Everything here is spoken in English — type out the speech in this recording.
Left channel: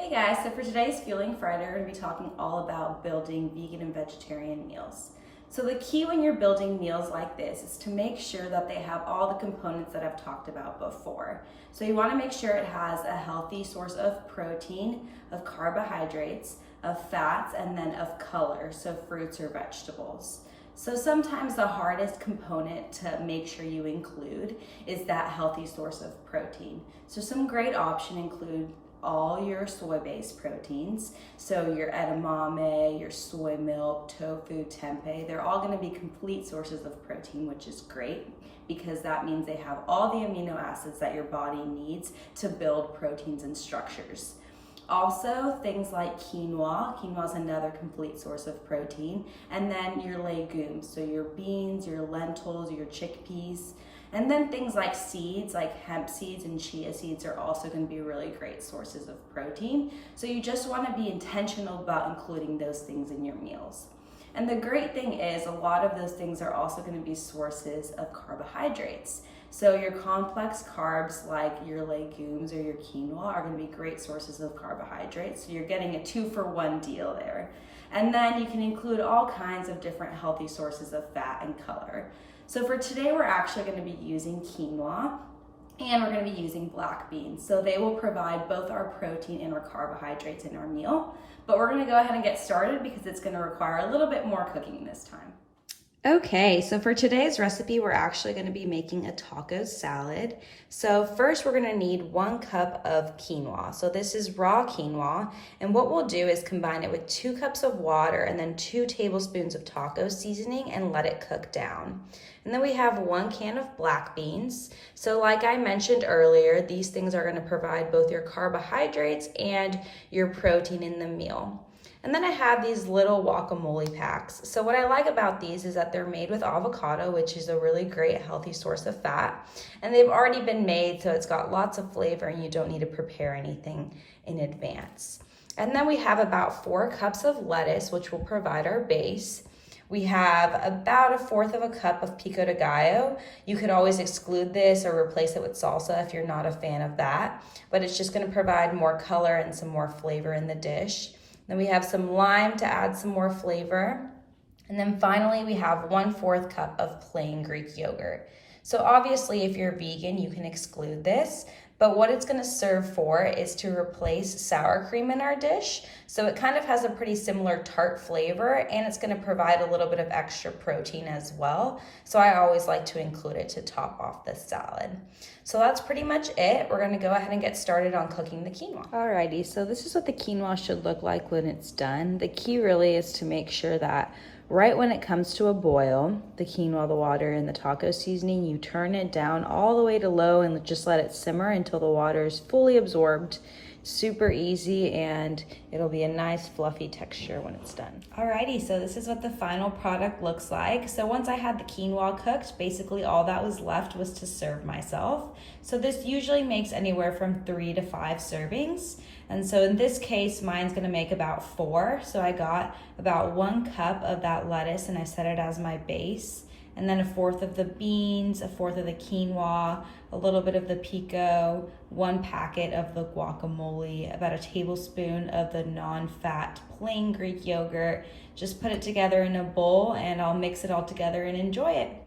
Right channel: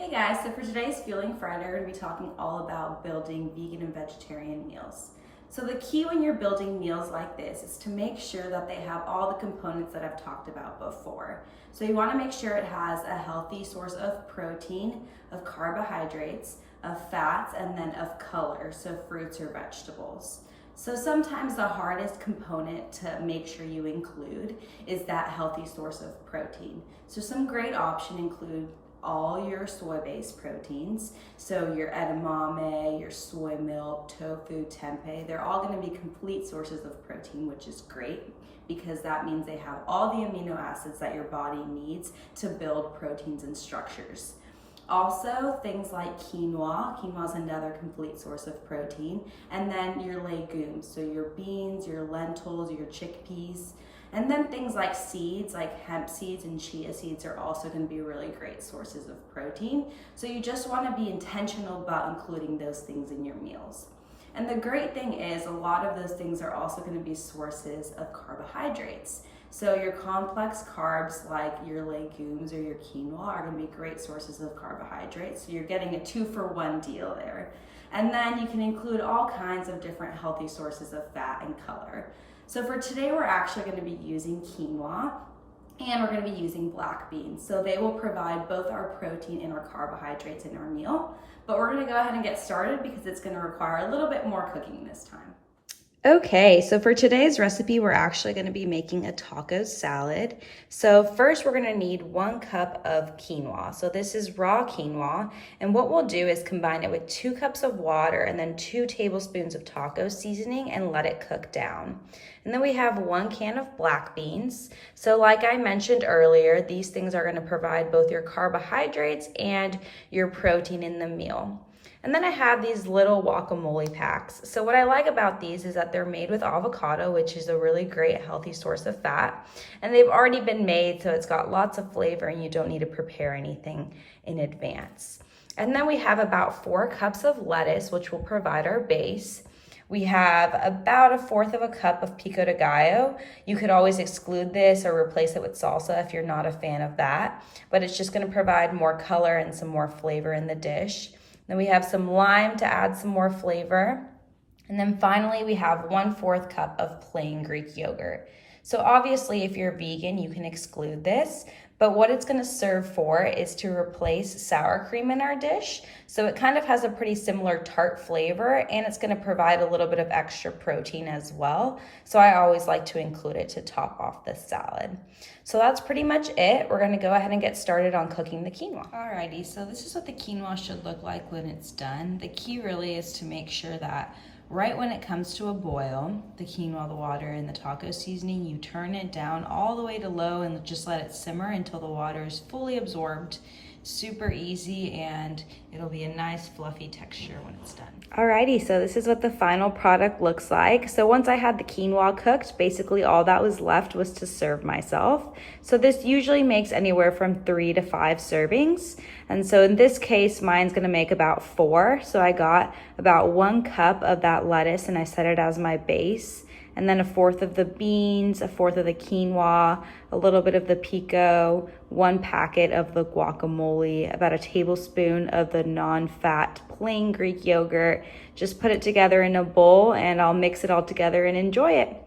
Hey guys, so for today's Fueling Friday, we're going to be talking all about building vegan and vegetarian meals. So the key when you're building meals like this is to make sure that they have all the components that I've talked about before. So you want to make sure it has a healthy source of protein, of carbohydrates, of fats, and then of color, so fruits or vegetables. So sometimes the hardest component to make sure you include is that healthy source of protein. So some great options include all your soy-based proteins. So your edamame, your soy milk, tofu, tempeh, they're all gonna be complete sources of protein, which is great because that means they have all the amino acids that your body needs to build proteins and structures. Also, things like quinoa. Quinoa is another complete source of protein. And then your legumes, so your beans, your lentils, your chickpeas. And then things like seeds, like hemp seeds and chia seeds are also going to be really great sources of protein. So you just want to be intentional about including those things in your meals. And the great thing is a lot of those things are also going to be sources of carbohydrates. So your complex carbs like your legumes or your quinoa are going to be great sources of carbohydrates. So you're getting a 2-for-1 deal there. And then you can include all kinds of different healthy sources of fat and color. So for today, we're actually going to be using quinoa and we're going to be using black beans. So they will provide both our protein and our carbohydrates in our meal. But we're going to go ahead and get started because it's going to require a little bit more cooking this time. Okay, so for today's recipe, we're actually going to be making a taco salad. So first we're going to need 1 cup of quinoa. So this is raw quinoa, and what we'll do is combine it with 2 cups of water and then 2 tablespoons of taco seasoning and let it cook down. And then we have 1 can of black beans. So like I mentioned earlier, these things are going to provide both your carbohydrates and your protein in the meal. And then I have these little guacamole packs. So what I like about these is that they're made with avocado, which is a really great healthy source of fat. And they've already been made, so it's got lots of flavor and you don't need to prepare anything in advance. And then we have about 4 cups of lettuce, which will provide our base. We have about 1/4 of a cup of pico de gallo. You could always exclude this or replace it with salsa if you're not a fan of that, but it's just gonna provide more color and some more flavor in the dish. Then we have some lime to add some more flavor. And then finally, we have 1/4 cup of plain Greek yogurt. So obviously, if you're vegan, you can exclude this, but what it's gonna serve for is to replace sour cream in our dish. So it kind of has a pretty similar tart flavor, and it's gonna provide a little bit of extra protein as well. So I always like to include it to top off the salad. So that's pretty much it. We're gonna go ahead and get started on cooking the quinoa. Alrighty, so this is what the quinoa should look like when it's done. The key really is to make sure that right when it comes to a boil, the quinoa, the water, and the taco seasoning, you turn it down all the way to low and just let it simmer until the water is fully absorbed. Super easy, and it'll be a nice fluffy texture when it's done. Alrighty, so this is what the final product looks like. So once I had the quinoa cooked, basically all that was left was to serve myself. So this usually makes anywhere from 3 to 5 servings. And so in this case, mine's gonna make about 4. So I got about 1 cup of that lettuce and I set it as my base. And then 1/4 of the beans, 1/4 of the quinoa, a little bit of the pico, 1 packet of the guacamole, about a tablespoon of the non-fat plain Greek yogurt. Just put it together in a bowl and I'll mix it all together and enjoy it.